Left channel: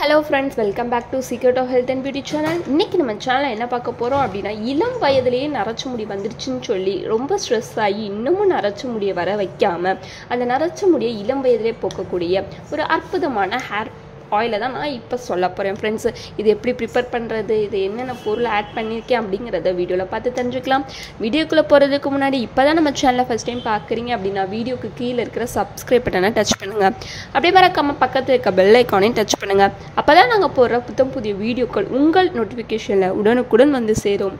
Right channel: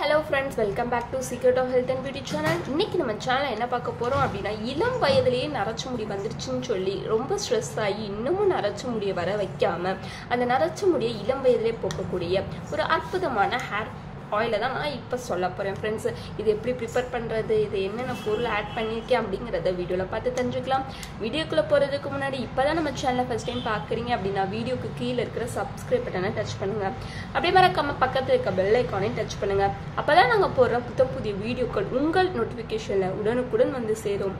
Hello friends, welcome back to Secret of Health and Beauty channel. இன்னைக்கு நம்ம சேனல்ல என்ன பார்க்க போறோம் அப்படினா இளம் வயதிலேயே நரைச்ச முடி வந்துருச்சுன்னு சொல்லி ரொம்ப ஸ்ட்ரெஸ் ஆகி இன்னமும் நரைச்ச முடியை வர வைக்காம அந்த நரைச்ச முடியை இளம் வயதிலே போக்கக்கூடிய ஒரு அற்புதமான ஹேர் ஆயிலை தான் நான் இப்போ சொல்ல போகிறேன் ஃப்ரெண்ட்ஸ். இது எப்படி ப்ரிப்பேர் பண்ணுறது, இது என்னென்ன பொருள் ஆட் பண்ணியிருக்கேன் அப்படிங்கிறத வீடியோவில் பார்த்து தெரிஞ்சுக்கலாம். வீடியோக்குள்ளே போகிறதுக்கு முன்னாடி இப்போ தான் நம்ம சேனலை ஃபஸ்ட் டைம் பார்க்குறீங்க அப்படின்னா வீடியோக்கு கீழே இருக்கிற சப்ஸ்கிரைப் பட்டனை டச் பண்ணுங்கள். அப்படியே மறக்காம பக்கத்தில் இருக்க பெல் ஐக்கானையும் டச் பண்ணுங்கள். அப்போ தான் நாங்கள் போடுற புதிய வீடியோக்கள் உங்கள் நோட்டிஃபிகேஷனில் உடனுக்குடன் வந்து சேரும்.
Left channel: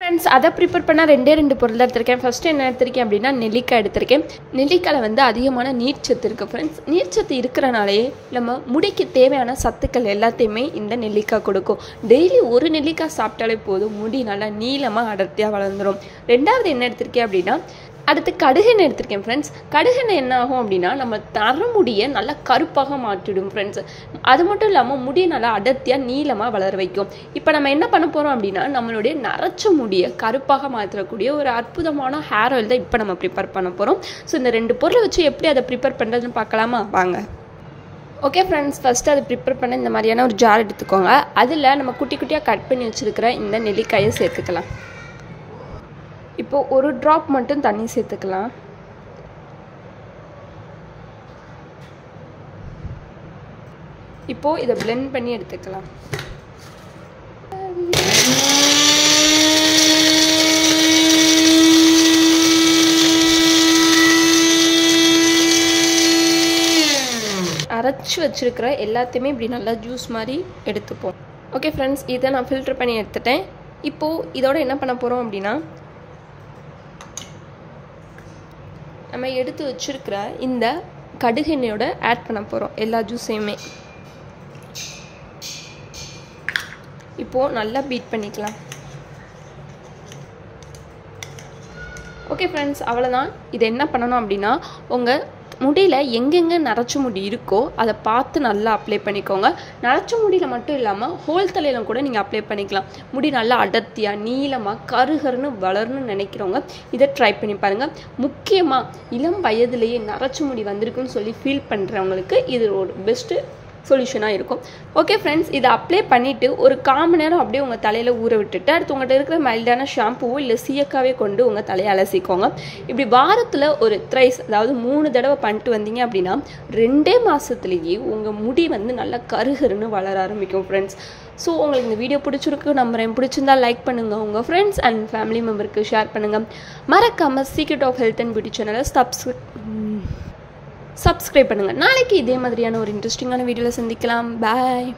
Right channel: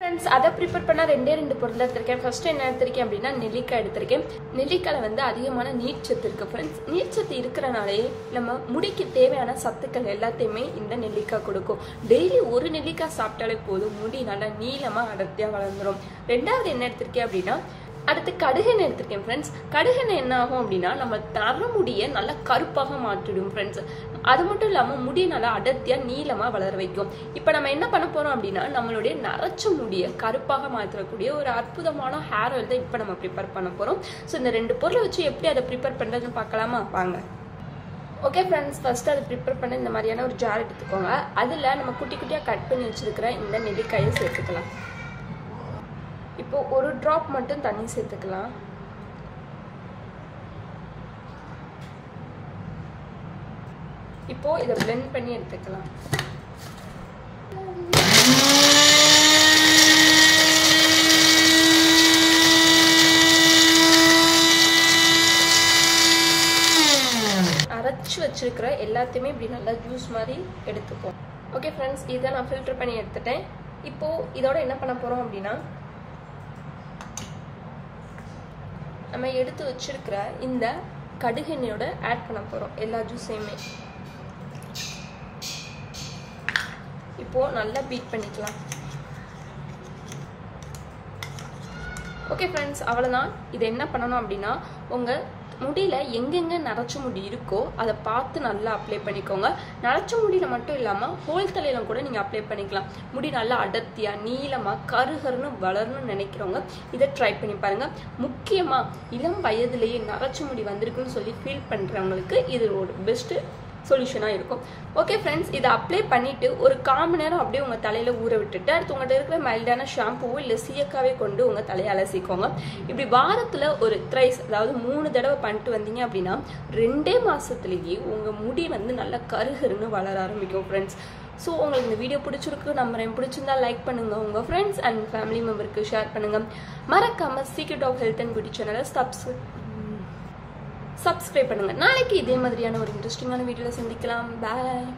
ஃப்ரெண்ட்ஸ், அதை ப்ரிப்பேர் பண்ணால் ரெண்டு பொருள் எடுத்திருக்கேன். ஃபஸ்ட்டு என்ன எடுத்திருக்கேன் அப்படின்னா நெல்லிக்காய் எடுத்திருக்கேன். நெல்லிக்காயில் அதிகமான நீர்ச்சத்து இருக்குது ஃப்ரெண்ட்ஸ். நீர்ச்சத்து இருக்கிறனாலே நம்ம முடிக்கு தேவையான சத்துக்கள் எல்லாத்தையுமே இந்த நெல்லிக்காய் கொடுக்கும். டெய்லி ஒரு நெல்லிக்காய் சாப்பிட்டாலே போதும், முடி நல்லா நீளமாக அடர்த்தியாக வளர்ந்துடும். ரெண்டாவது என்ன எடுத்திருக்கேன் அப்படின்னா அடுத்து கடுகெண்ணெய் எடுத்திருக்கேன் ஃப்ரெண்ட்ஸ். கடுகெண்ணெய் என்ன ஆகும் அப்படின்னா நம்ம தரமுடியை நல்லா கருப்பாக மாற்றிடும் ஃப்ரெண்ட்ஸ். அது மட்டும் இல்லாமல் முடியை நல்லா அடர்த்தியாக நீளமாக வளர வைக்கும். இப்போ நம்ம என்ன பண்ண போகிறோம் அப்படின்னா நம்மளுடைய நரைச்ச முடியை கருப்பாக மாற்றக்கூடிய ஒரு அற்புதமான ஹேர் ஆயில் தான் இப்போ நம்ம ப்ரிப்பேர் பண்ண போகிறோம். ஸோ இந்த ரெண்டு பொருளை வச்சு எப்படி அதை ப்ரிப்பேர் பண்ணுறதுன்னு பார்க்கலாமா, வாங்க. ஓகே ஃப்ரெண்ட்ஸ், ஃபஸ்ட்டு அதை ப்ரிப்பேர் பண்ண இந்த மாதிரியான ஒரு ஜார் எடுத்துக்கோங்க. அதில் நம்ம குட்டி குட்டியாக கட் பண்ணி வச்சுருக்கிற இந்த நெல்லிக்காயை சேர்த்துக்கலாம். இப்போது ஒரு ட்ராப் மட்டும் தண்ணி சேர்த்துக்கலாம். இப்போது இதை பிளெண்ட் பண்ணி எடுத்துக்கலாம். அரைச்சி வச்சிருக்கிற எல்லாத்தையுமே இப்படி நல்லா ஜூஸ் மாதிரி எடுத்துப்போம். ஓகே ஃப்ரெண்ட்ஸ், இதை நான் ஃபில்டர் பண்ணி எடுத்துட்டேன். இப்போது இதோட என்ன பண்ண போகிறோம் அப்படின்னா நம்ம எடுத்து வச்சிருக்கிற இந்த கடுகெண்ணெயோட ஆட் பண்ண போகிறோம் எல்லா ஜூஸையுமே. இப்போது நல்லா பீட் பண்ணிக்கலாம். ஓகே ஃப்ரெண்ட்ஸ், அவ்வளோதான். இது என்ன பண்ணணும் அப்படின்னா உங்கள் முடியில் எங்கெங்கே நரைச்ச முடி இருக்கோ அதை பார்த்து நல்லா அப்ளை பண்ணிக்கோங்க. நரைச்ச முடியில் மட்டும் இல்லாமல் ஹோல் தலையிலும் கூட நீங்கள் அப்ளை பண்ணிக்கலாம். முடி நல்லா அடர்த்தியாக நீளமாக கருகருன்னு வளரணும்னு நினைக்கிறவங்க இதை ட்ரை பண்ணி பாருங்கள். முக்கியமாக இளம் வயதிலேயே நரைச்ச முடி வந்திருக்குன்னு சொல்லி ஃபீல் பண்ணுறவங்களுக்கு இது ஒரு பெஸ்ட்டு சொல்யூஷனாக இருக்கும். ஓகே ஃப்ரெண்ட்ஸ், இதை அப்ளை பண்ணிவிட்டு ஒரு 1/4 மணி நேரம் அப்படியே உங்கள் தலையில் ஊற விட்டுட்டு அடுத்து உங்கள்கிட்ட இருக்கிற மைல்டான ஷாம்புவோ இல்லை சீயக்காவே கொண்டு உங்கள் தலையை அலசிக்கோங்க. இப்படி வாரத்தில் ஒரு த்ரைஸ், அதாவது 3 தடவை பண்ணிட்டு வந்தீங்க அப்படின்னா 2 மாதத்துலேயே உங்கள் முடி நல்லா கருகருன்னு வளர ஆரம்பிக்கும் ஃப்ரெண்ட்ஸ். ஸோ உங்களுக்கு இந்த வீடியோ பிடிச்சிருக்கு நம்புறேன். பிடிச்சிருந்தா லைக் பண்ணுங்கள், உங்கள் ஃப்ரெண்ட்ஸ் அண்ட் ஃபேமிலி மெம்பருக்கு ஷேர் பண்ணுங்கள். மறக்காமல் secret of health and beauty சேனலை சப்ஸ்கிரைப் பண்ணுங்கள். நாளைக்கு இதே மாதிரியான ஒரு இன்ட்ரெஸ்டிங்கான வீடியோவில் சந்திக்கலாம். பாய்.